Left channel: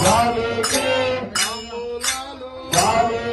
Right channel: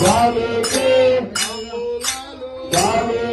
Jai Jai